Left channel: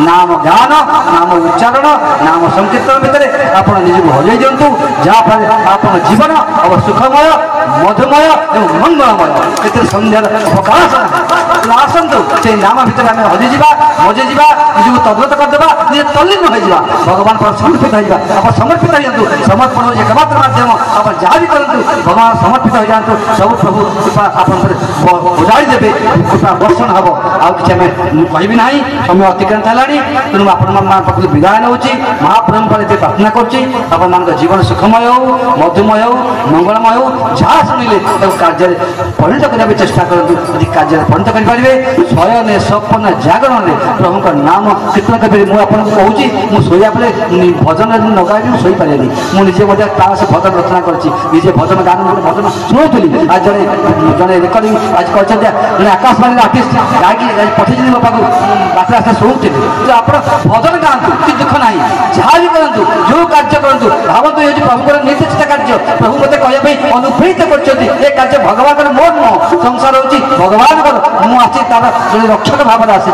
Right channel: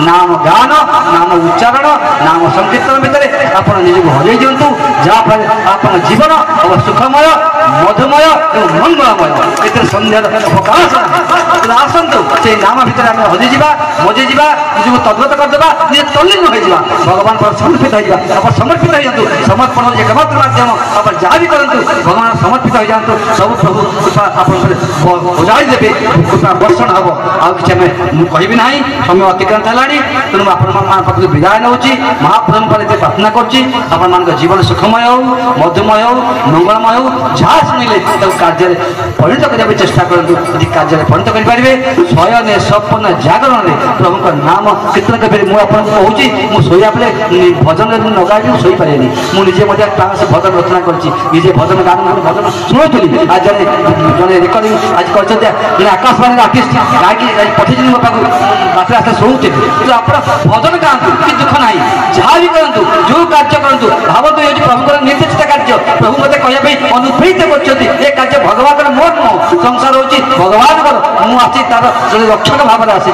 नाम गान नाम उच्चारण नाम संकीर्तन भितर आप निजक हजई दिंतु जहाँफल आप जीवन अब सुखमय मधुमय और मंगलमय ए सन्ध्यार प्रकाश आसतु से नाम भितर आम हजई जा मजई जा निजक तद्गत करदे निजे तल्लीन हो भगवान पर समर्पित हो आप समर्पित हो समर्पण एकमात्र माध्यम आप जहाँ भी करूँ भगवान समर्पित हो जातु सब प्रभु कृपा आप उजाड़ी देवे कृपा दर्शन हम आउ कि कहि ना समय अतिक्रांत है तेणु आप विदाय नौ महाप्रभु पर ये प्रार्थना कर जीवन सुखमय हो मधुमय हो मंगलमय हो जहाँ शुणिले कार्य परिणत करने चेष्टा करूँ यदि कार्य परिणत करेंगे शयन सपन जागरण में प्रभु का नाम कीर्तन करें मुझे कहूँ मुझा भजन न गाई मुझे पारे मुझे से भजन रचना करे भजन गान भजन शुणुली आज जड़े रेकर्डिंग आज कर आकाशवाणी आर्टिस्ट गायकी पठेजी मो पाक रास्ते रास्ते शुणुली कि आप भजन गाँव कि दुख ना जहाँ भी करूँ जो कार्य करूँ भावतु ये प्रभु निर्दिष्ट कार्य प्रभु मत कहवाई अनुप्रेरित कर कार्य भगवान मोर नुह संसार हूँ भगवान मुझे तार रक्षक भाव में आसी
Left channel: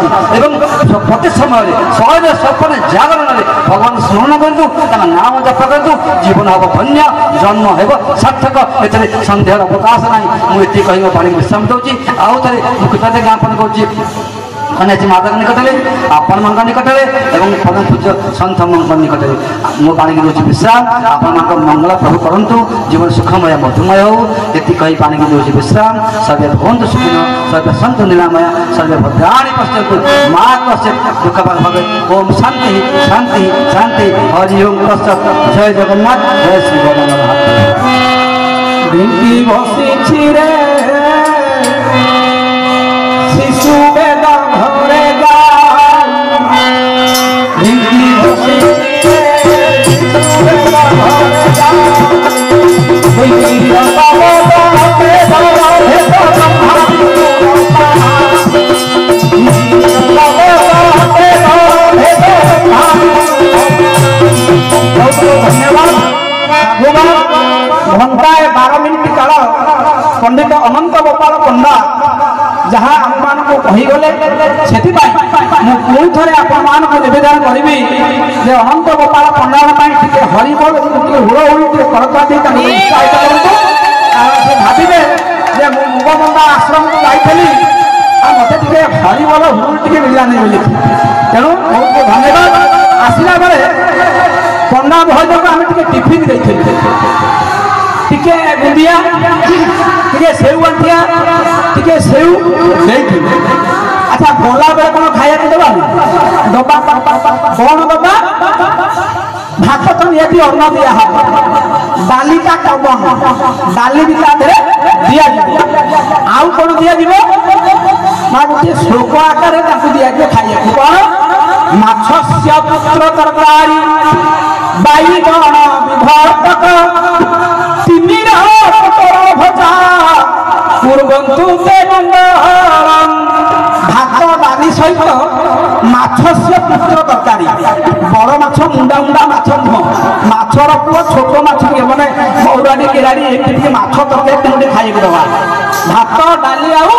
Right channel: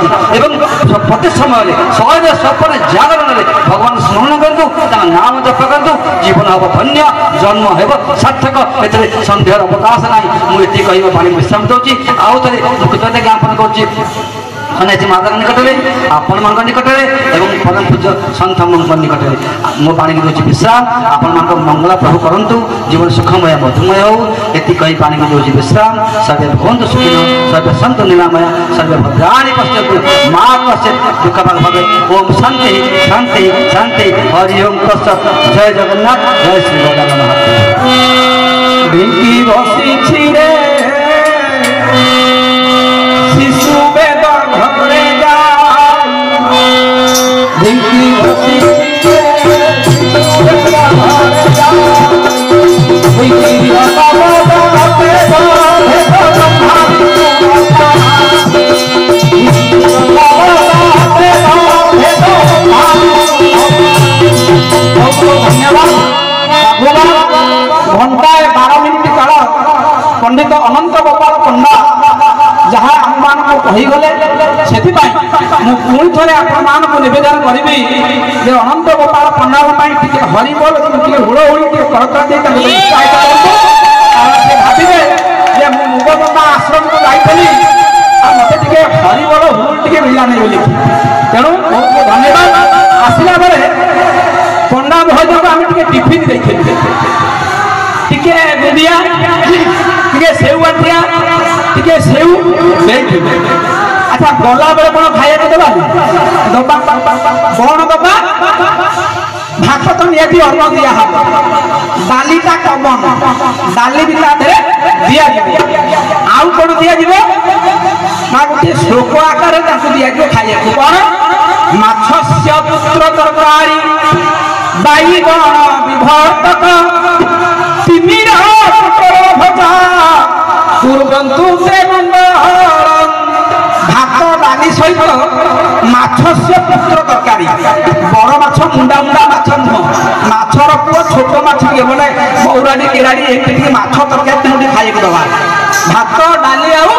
प्रति समय शयन सपन जागरण में भगवान स्मरण करूँ नाम जप करूँ जीवन हम धन्य जन्म हो सार्थक ए सन्ध्यार प्रकाश ना मुझे कह पानी विश्राम दूसरी आउ थे कृतज्ञता ज्ञापन कर खनियाजी माता निकट में आपण मान निकट में एवं परम पूज्य सन्थ निकट में मो पानी की दूसरी विश्राम आपण मंगला प्रभु करूँ जीवन सुखमय मधुमय हो ये कही पानी की दूसरी विश्राम सर्वे भवन्तु सुखिनः सर्वे सन्तु निरामया सर्वे भद्राणि पश्यन्तु मा कश्चित् दुःखभाग् भवेत् ओम शांति शांति शांति हरि ओम तत्सत् जय जगन्नाथ जय श्री जगन्नाथ भिंकी बसी रे शिशु बेदर घरे जा भिंकी बसी घंटाए 12 मिनिट काल पंडित अनंत गोपाल पंडा जहाँ आम मान को कहीगले से पुणी थे आपण नवेदन करी अनंत गोपाल पंडा टे हरिबोल टे हुड़हुड़ी टे करकती भावे मुगबंदा आश्रम को जाइली मत टे हरिबोल हुड़हुड़ी टे मिला नहीं बोली तेणु बहुत धन्यवाद आसला बेले पंडा भाई आम टिफिन देखिए टिके बुंदिया टिके सेव आठिया टिके सेव अच्छा गला बेले कौन खाया दबा दबा कौन दबा भात तो निहती अन्न दिया डालीटा कमन डाली भी दिया आउ कौन दिया ना गोटे श्लोक आकार दिया खाइए कौन माछस्य पुत्र तरकारी बैगन विभर्तक तिमिर भजा पूर्वंतु भात डाली सहित माछस्य पुत्र तरकारी बड़ माछ मुंडा मुंडा माछ नुह माछर पुओ छोट माछ मैंने मौराड़ी केराड़ी ये माछ तरकारी खाइक दबा भात डाली आउ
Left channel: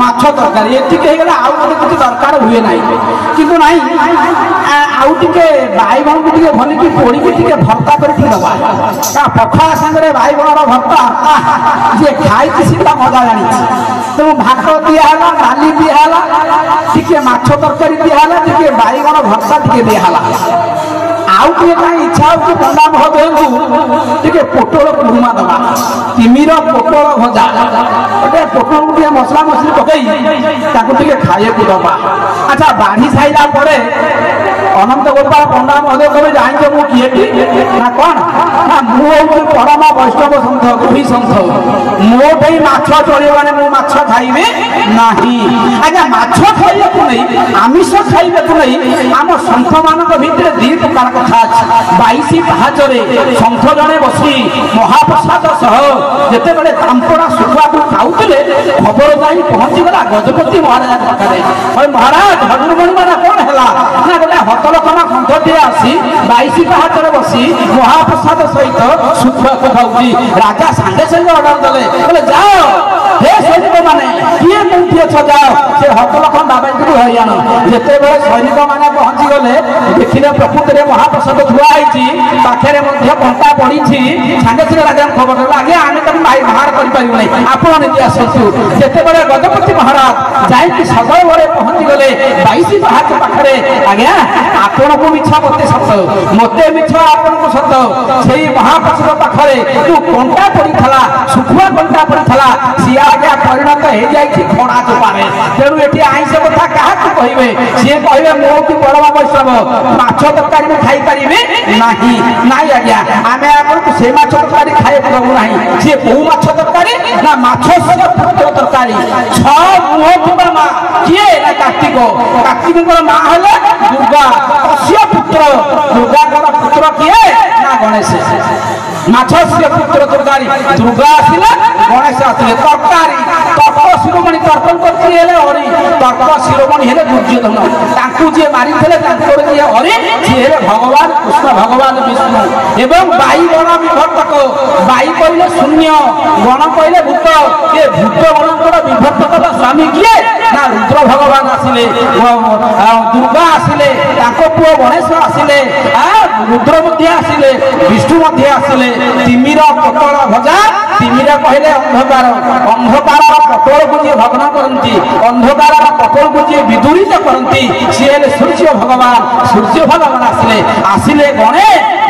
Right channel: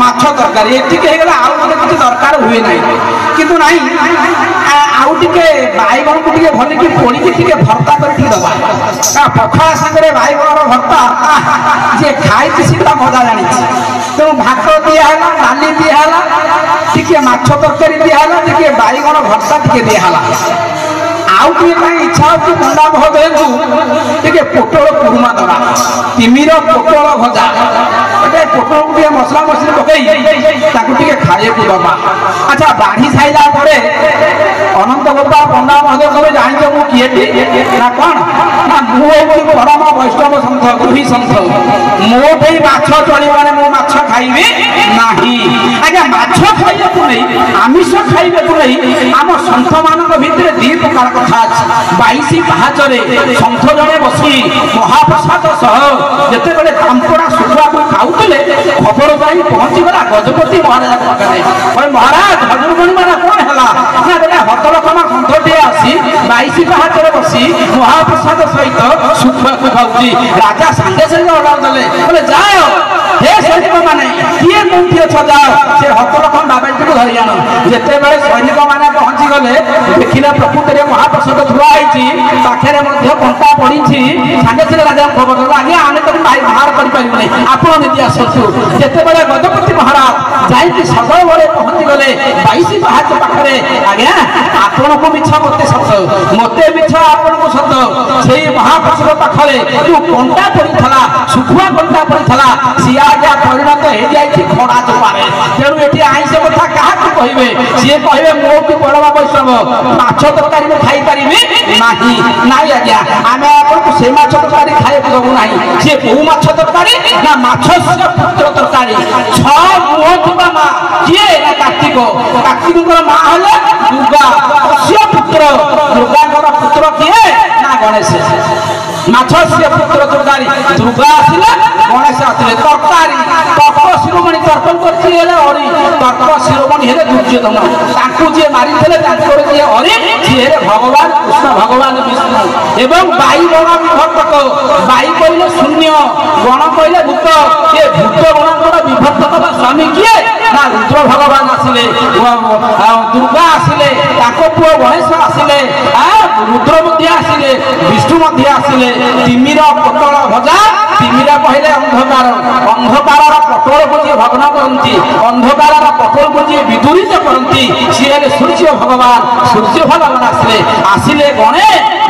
माछ तरकारी ये आउ गोटे किसी दरकार हुए ना कि आउ टे बैगन को टे भल कि पोड़ी टे भर्ता कर दबा पखा सागर बैगन भर्ता जी खाई सीधा मजा जानी तेणु भात दिहला डाली दिहला टे माछ तरकारी दिहला टे बैगन भर्ता टे दिहला आउ टे इच्छा हो पंडा महोदय टे पोटल कुरुमा दबा तिमिर पोटल भजा गोटे पोटल टे मसला मसली पकई खाए दबा अच्छा बाढ़ी साइला पड़े अनंत गोपाल पंडा महोदय कहे जान किए ना कौन ना मुझे परम वैष्णव सन्थ गुही सन्थ मोटे माछ चलने मो माछ खाइबे नाही आज्ञा माछ खाइबे नहीं आमिष खाइबे नहीं आम सन्थ मान भितर दी प्रकार कथा अच्छी 22 पाहाचरे सन्थ जड़े बसी महाप्रसाद सह जिते बड़े तांपड़ा शुखुआ को खाऊले खबर जाई पहुंची गला गजपति महाराज पाखे महाराज धनुर्मणि मारा कौन है ना गोटे हतलकमा कंठटी आसी 22 पाहाचरे बसी महाप्रसाद सहित शुखुआ को खाऊची राजा सांगे सांगे ऑर्डर देले बोले जाओ हे सैनिक माने किए कोठी अछ जाओ से हतलकमा बाबा को धरि आनो जेते बेले सैनिक माने पहुंची ପହଞ୍ଚିଗଲେ ଦେଖିଲେ ପ୍ରକୃତରେ ମହାପ୍ରସାଦ ଧୁଆ ହେଇଛି, ପାଖରେ ମଧ୍ୟ କଣ୍ଟା ପଡ଼ିଛି। ସାଙ୍ଗେ ସାଙ୍ଗେ ରାଜାଙ୍କୁ ଖବର ଦେଲେ, ଆଜ୍ଞା ଆମେ ତାକୁ ବାହାର କରିପାରିବୁନି, ଆପଣ ନିଜେ ଆସନ୍ତୁ। ଯେତେବେଳେ ଗଜପତି ମହାରାଜ ଯାଇକି ସଦଳରେ ପହଞ୍ଚିଗଲେ 22 ପାହାଚ ପାଖରେ, ଆଜ୍ଞା ଆପଣଙ୍କୁ ମିଛ ମତେ ସତ, ମତେ ମିଛ ଆପଣଙ୍କୁ ସତ। ସେଇ ମହାପ୍ରସାଦ ପାଖରେ ଯୋଉ କଣ୍ଟା ପଡ଼ିଥିଲା, ଶୁଖୁଆ କଣ୍ଟା ପଡ଼ିଥିଲା, ସିଏ ଆଜ୍ଞା ପରିଣତ ହେଇଯାଇଛି ଖଡ଼ା ଚୋପାରେ। ତେଣୁ ଏଠି ଆଇଁଷ କଥା କାହାକୁ କହିବେ? ସିଏ କହିବେ ମୋଠୁ ବଡ଼ ବୈଷ୍ଣବ, ମାଛ ତରକାରୀ ମୁଁ ଖାଇପାରିବି ନାହିଁ। ନାଇଁ ଆଜ୍ଞା, ଆମେ ଆପଣଙ୍କୁ ସେ ମାଛ ତରକାରୀ ଖାଇବାକୁ ଦେବୁ ନାହିଁ। ସିଏ କୋଉ ମାଛ ତରକାରୀ? ନା ମାଛ ପୁତ୍ର ତରକାରୀ। 6 ମୁହଁ ଥିବା ମା କିଏ? ନା କାର୍ତ୍ତିକ। କାର୍ତ୍ତିକଙ୍କର ମା ହେଲେ ଦୁର୍ଗା, ଅସ୍ୟ ପୁତ୍ର। ଦୁର୍ଗାଙ୍କର ପୁତ୍ର କିଏ? ନା ଗଣେଶ। ମାଛ ସିଏ ପୁତ୍ର ତରକାରୀ, ଦୁର୍ଗା ଆସିଲା, ଗଣେଶ ଆସିଲେ ତରକାରୀ। ତର୍କ ଶିରୋମଣି ତର୍କ କରିଥିଲେ ହେଲେ ହରି, ତର୍କ ଶିରୋମଣି ହେଲେ ଦୁର୍ଯ୍ୟୋଧନ। ତାଙ୍କୁ ଯିଏ ମାରିଥିଲେ ତାଙ୍କର ଯିଏ ହରି, ସିଏ ହେଲେ ଭଗବାନ କୃଷ୍ଣ, ଭଗବାନ ବିଷ୍ଣୁ। ଏବଂ ବାଇ ଗଣ ବିଭକ୍ତକ, ବାଇ କହିଲେ ଶୂନ୍ୟ, ଗଣ କହିଲେ ଭୂତ। ଏ ଭୂତ ଗଣଙ୍କର ବିଭକ୍ତକ ସ୍ୱାମୀ କିଏ? ନା ରୁଦ୍ର ଭଗବାନ ଆସିଲେ, ଦୁର୍ଗା ଆସିଲେ, ତାଙ୍କ ପୁଅ ଗଣେଶ ଆସିଲେ, ରୁଦ୍ର ମଧ୍ୟ ଆସିଲେ, ବିଷ୍ଣୁ ମଧ୍ୟ ଆସିଲେ। ତିମିର ପୋଟଳ ଭଜା, ତିମିର କହିଲେ ଅନ୍ଧକାର, ଅନ୍ଧକାରର ପୋଟଳକୁ ଯିଏ ଭଗ୍ନ କରନ୍ତି, ଅନ୍ଧକାରର ପୋଟଳକୁ ଯିଏ ବିଦୂରିତ କରନ୍ତି, ସିଏ ହେଲେ ସୂର୍ଯ୍ୟ ଭଗବାନ। ସୂର୍ଯ୍ୟ ଭଗବାନ ଆସିଲେ ଗଣେ,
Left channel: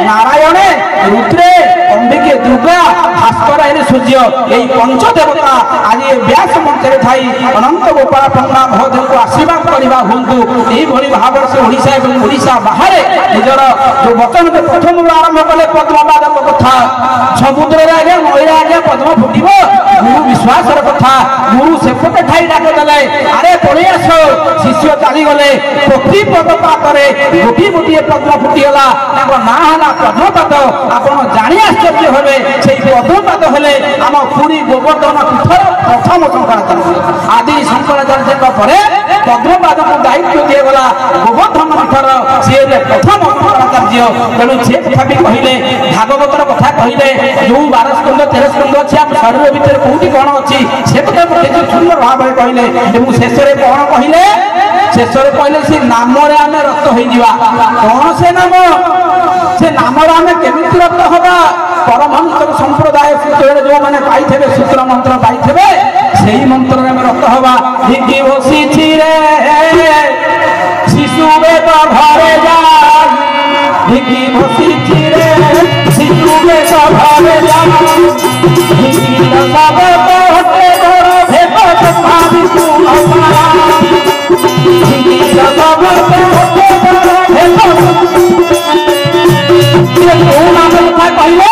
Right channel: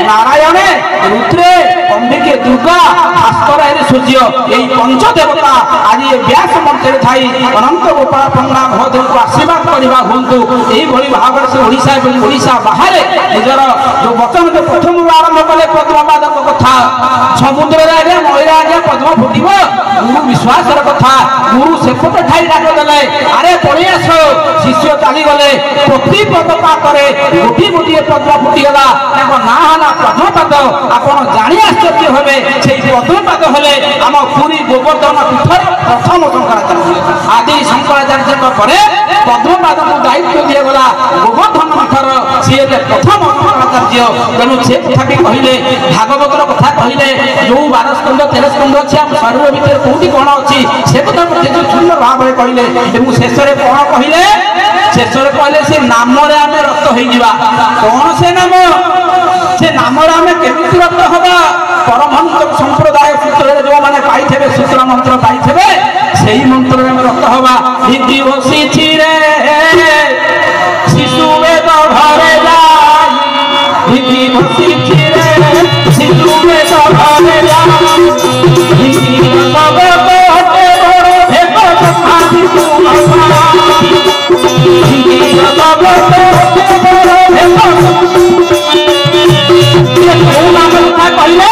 ନାରାୟଣେ, ରୁଦ୍ରେ, ଅମ୍ବିକେ, ଦୁର୍ଗା, ଭାସ୍କର ହେଲେ ସୂର୍ଯ୍ୟ। এই পঞ্চদেবতা আজ ব্যাস মঞ্চে থাই অনন্ত গোপাল পণ্ডা মহোদয়ଙ୍କୁ আশীর্বাদ করা হুঁতু। এইভাবে ভাবে সে ওড়িশা এবং ওড়িশা বাহারে নিজের যে বচনকে প্রথম আরম্ভ কলে পদ্মপাদক কথা। সমুদ্রের আগে মহিলা আগে পদ্ম ফুটিব, গুরু বিশ্বাসের কথা। গুরু সেপটে ঠাই ডাকি দেলে, আরে পড়ে আস। শিষ্য চালিগলে, প্রতি পদপাতরে গোটিয়ে গোটিয়ে পদ্ম ফুটিগলা। তাঁর না হলা পদ্মপাদ। আপনার জানি আশ্চর্য হবে, সেই পদ্মপাদ হলে আমার পুরী গোবর্ধন পীঠর প্রথম শঙ্করাচার্য। আদি শঙ্করাচার্যଙ୍କ ପରେ ପଦ୍ମପାଦକୁ ଦାୟିତ୍ୱ ଦିଆଗଲା ଗୋବର୍ଦ୍ଧନ ପୀଠର, ସିଏ ପ୍ରଥମ ଶଙ୍କରାଚାର୍ଯ୍ୟ। ତେଣୁ ସେ କଥା ବି କହିଲେ, ଭାଗବତର କଥା କହିଲେ, ଯୋଉ 12 ସ୍କନ୍ଧ 13 ସ୍କନ୍ଧ ଅଛି, ଆମ ଶରୀର ଭିତରେ କୋଉଠି କଣ ଅଛି, ସେ କଥା କେତେ ସୁନ୍ଦର ଭାବରେ କହିଲେ। ଏବଂ ଶେଷରେ କଣ କହିଲେ? ଶେଷରେ କହିଲେ ସେ ନାମରେ ଆମେ ରକ୍ତ ହେଇଯିବା। କଣ ସେ ନାମ? ସେ ନାମରେ ଆମେ କେମିତି ରକ୍ତ ହବା? ପରମହଂସ ସମ୍ପ୍ରଦାୟ ସୂତ୍ରରେ ଯୋଉମାନେ ପାଇଥିବେ, ସୂତ୍ର ମନ୍ତ୍ର ପାଇଥିବେ, ସେଇ ମନ୍ତ୍ରରେ ଆମେ ରକ୍ତ ହବା। ଭିଗି ବସିଛି ରେ ଶିଶୁ ବେଦ ଘରେ ଯାଇ, ଭିଗି ବସିଛି ରେ ଶିଶୁ ବେଦ ଘରେ ଯାଇ, ଭିଗି ଲବେ କୋଟେ ବଡ଼ ଭେଦ ଭାବି ତୁ ଭିଗି ଲବେ କୋଟେ ବଡ଼ ଭେଦ। କୋଉ ନାମ କଥା କହିଲେ?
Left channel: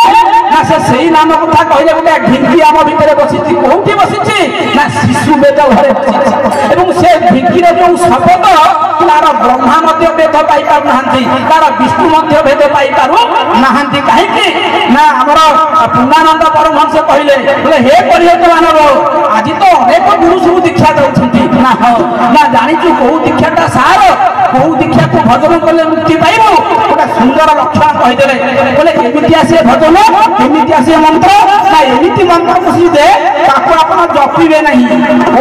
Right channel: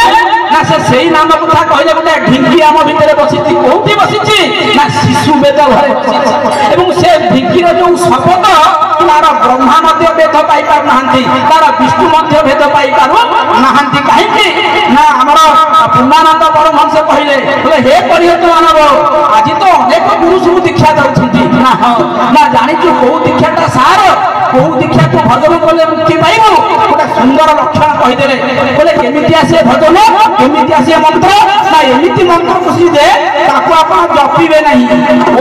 ନା ସେ ସେଇ ନାମ କଥା କହିଲେ। ଗୋଟେ ଢିଙ୍କି ଆମ ଭିତରେ ବସିଛି, କୋଉଠି ବସିଛି? ନା ଶିଶୁ ବେଦ ଘରେ ବସିଛି। ଏବଂ ସେ ଢିଙ୍କିର ଯୋଉ ଶବ୍ଦ, ତାର ବ୍ରହ୍ମା ମଧ୍ୟ ଭେଦ ପାଇପାରୁନାହାନ୍ତି, ତାର ବିଷ୍ଣୁ ମଧ୍ୟ ଭେଦ ପାଇପାରୁ ନାହାନ୍ତି। କାହିଁକି? ନା ଆମର ପୂର୍ଣ୍ଣାନନ୍ଦ ପରମହଂସ କହିଲେ, ହେ ପରିହତ ମାନବ, ଆଜି ତ ଅନେକ ଗୁରୁ ସବୁ ଦୀକ୍ଷା ଦେଉଛନ୍ତି। ନା ହଁ, ନା ଜାଣିଛୁ କୋଉ ଦୀକ୍ଷାଟା ସାର, କୋଉ ଦୀକ୍ଷା ତୁ ଭଜନ କଲେ ମୁକ୍ତି ପାଇବୁ? ଗୋଟେ ସୁନ୍ଦର ଲକ୍ଷଣ କହିଦେଲେ। ବୋଲେ କେମିତି ଆସିବେ ଭଜନ, କେମିତି ଆସିବେ ମନ୍ତ୍ର? ନା ଏମିତି ମନ୍ତ୍ର ଖୁସି ଯେ ତାକୁ ଆପଣ ଜପିବେ ନାହିଁ,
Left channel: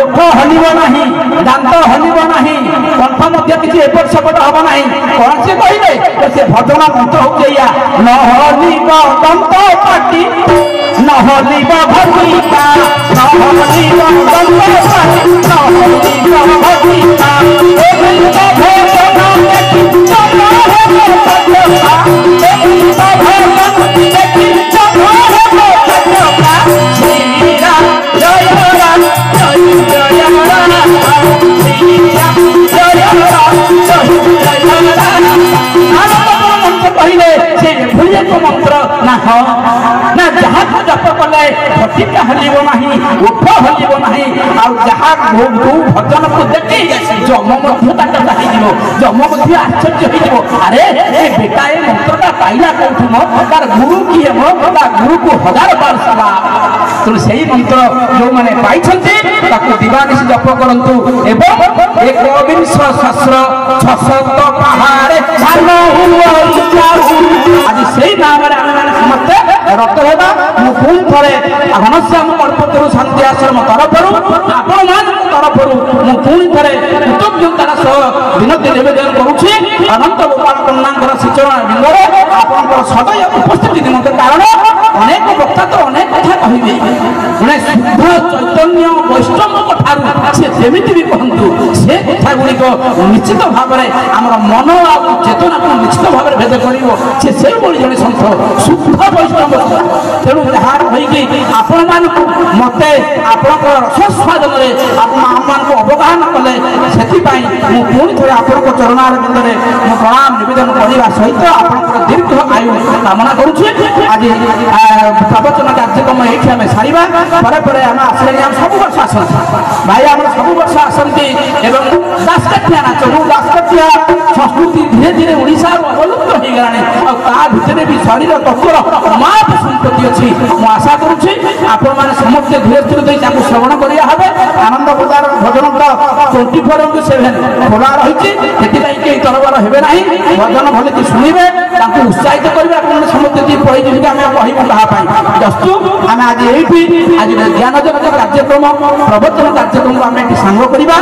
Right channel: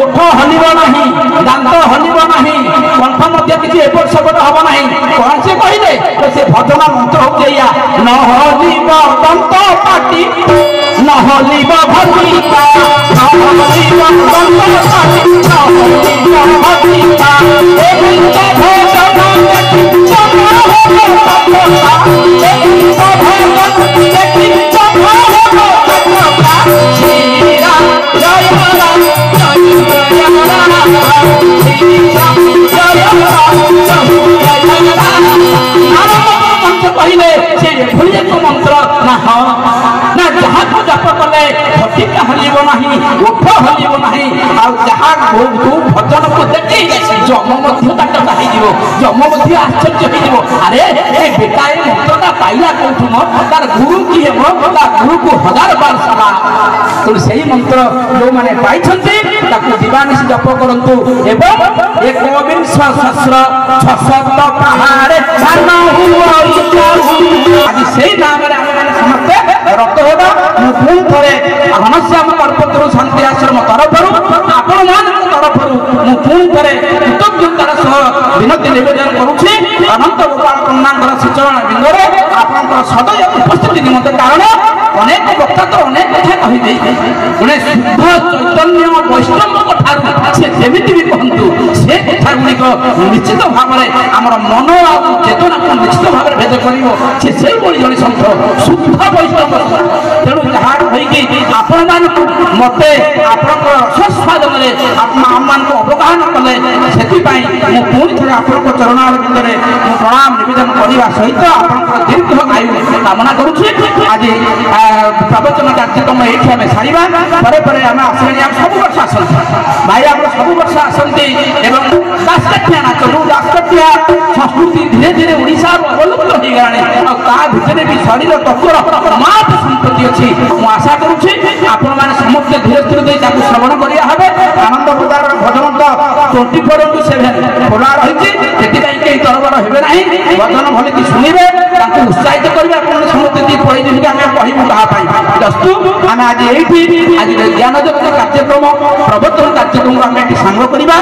ଓଠ ହଲିବ ନାହିଁ, ଦାନ୍ତ ହଲିବ ନାହିଁ, କଣ୍ଠ ମଧ୍ୟ କିଛି ଏପଟ ସେପଟ ହବ ନାହିଁ। କଣ ସେ କହିଲେ? ସେ ଭଜନ ମନ୍ତ୍ର ହଉଛି ଏଇଆ, ନ ହଲିବ ଦନ୍ତ ପାଟି, ନ ହଲିବ ଭଜିକା, ନ ହଲିବ ଦନ୍ତ ପାଟି, ନ ହଲିବ ଭଜିକା, କହିଲେ ସେ ଭୁଲି ମନ୍ତ୍ର। ନା ହଁ, ନା ଯାହାକୁ ଜପ କଲେ ଫଟିକା ହଲିବ ନାହିଁ, ଓଠ ହଲିବ ନାହିଁ। ଆଉ ଯାହା ଯୋଉ ଭଜନକୁ ଦେଖି ଯମ ମଧ୍ୟ ତାଙ୍କର ହେଇଯିବ, ଯମ ମଧ୍ୟ ଆଶ୍ଚର୍ଯ୍ୟ ହେଇଯିବ। ଆରେ ଏ ବେଟା ଏ ମନ୍ତ୍ରଟା ପାଇଲା କୋଉଠୁ? ତାର ଗୁରୁ କିଏ? ତା ଗୁରୁକୁ 1000 ବାର ସଲା। ତେଣୁ ସେଇ ମନ୍ତ୍ର ଯୋଉମାନେ ପାଇଛନ୍ତି ତାକୁ ଦିବାନିଶି ଜପ କରନ୍ତୁ। ଏବଂ 1ବିଂଶ ସହସ୍ର 600 ପାହାରେ ଆଜି ସେଇ ନାମରେ ଆମେ ସମସ୍ତେ ରକ୍ତ ହେବା। ମୁଁ ପୁଣି ଥରେ ଘନଶ୍ୟାମ କଳ୍ପତରୁ ଶାନ୍ତି ଆଶ୍ରମ ତରଫରୁ, ଆପଣମାନଙ୍କ ତରଫରୁ ମୁଁ ପୁଣି ଥରେ କୃତଜ୍ଞତାର ସହ ବିନତି ନିବେଦନ କରୁଛି। ଅନନ୍ତ ଗୋପାଳ ପଣ୍ଡାଙ୍କର ସୂଚନା ବିନ୍ଦୁରେ ଆପଣଙ୍କର ସଦୟ ଉପସ୍ଥିତି ନିମନ୍ତେ କାରଣ ଅନେକ ବକ୍ତା ତ ଅନେକ କଥା କହିବେ ଜଣେ ଶୁଦ୍ଧ ଚୈତନ୍ୟ ବୈଷ୍ଣବଙ୍କ ଠାରୁ ସେ ଯେମିତି ବି କହନ୍ତୁ ସେ କଥା ଗୁଡ଼ିକ ନିଶ୍ଚିତ ଭାବରେ ଆମର ମନ ଆଉ ଚେତନାକୁ ନିଶ୍ଚିତ ଭାବରେ ଭେଦ କରିବ ସେ ସେଇଭଳି ଜଣେ ସନ୍ଥ ଶୁଦ୍ଧ ବୈଷ୍ଣବ ତେଣୁ ଯାହାର ହୋଇକି ଆପଣମାନଙ୍କୁ ମତେ ଆପଣଙ୍କର ସ୍ୱାଦନରେ ଆମମାନଙ୍କୁ ଅବଗାହନ କଲେ ସେଥିପାଇଁ ମୁଁ ପୁଣି ଥରେ ଆପଣଙ୍କ ଚରଣାରବିନ୍ଦରେ ମୁଁ ପ୍ରଣାମ ନିବେଦନ କରିବା ସହିତ ଆପଣଙ୍କର ଦୀର୍ଘ ଆୟୁ କାମନା କରୁଛି ଆଜି ପ୍ରବଚନ କାର୍ଯ୍ୟକ୍ରମ ଏଇଠି ଆମେ ସାରିବା ପରେ ପରେ ଆମେ ଆସିବାନି ଆମେ ସବୁ ବର୍ଷ ଆସନ୍ତି ଭାଇ ଆମର ସବୁ ବର୍ଷ ଆସନ୍ତି ଏବଂ ଦାସକାଠିଆ ନାଚ ଯେଉଁ ଦାସକାଠିଆ ସଂସ୍କୃତି ଧୀରେ ଧୀରେ ଓଡ଼ିଶାର ଅବଲୁପ୍ତ ହେଇଗଲାଣି ଆଉ ତା ଭିତରେ ବି ଶରୀର ତତ୍ତ୍ୱର ମାପ ସମ୍ପତ୍ତି ଅଛି ମୁଁ ଆଶା କରୁଛି ଆପଣମାନେ ସମସ୍ତେ ଧୀରେ ଧୀରେ ଦେଇ ତାକୁ ଶ୍ରବଣ କରିବା হবে ଆନନ୍ଦ ପ୍ରଦାର ଭଜନ ତ 24/7 ଖୋଲା ରହିଛି ସେଥିପାଇଁ କେହି ତରବର ହେବେ ନାହିଁ ଭଜନ ଭଲକି ଶୁଣିବେ ତାଙ୍କୁ ଉତ୍ସାହିତ କରିବେ ଆପଣମାନେ ସମସ୍ତେ ଟିକେ ପଳେଇଯିବେ ଆମେ କହିବୁ କାହା ପାଇଁ ଦସ୍ତୁ ଆମେ ଆଜି ଏଇଠି ଆଜି ଜ୍ଞାନ ଜଗତ କାର୍ଯ୍ୟକ୍ରମ ପ୍ରବଚନ କାର୍ଯ୍ୟକ୍ରମ ଆମେ ଏଠି ସାଙ୍ଗ କରିବା।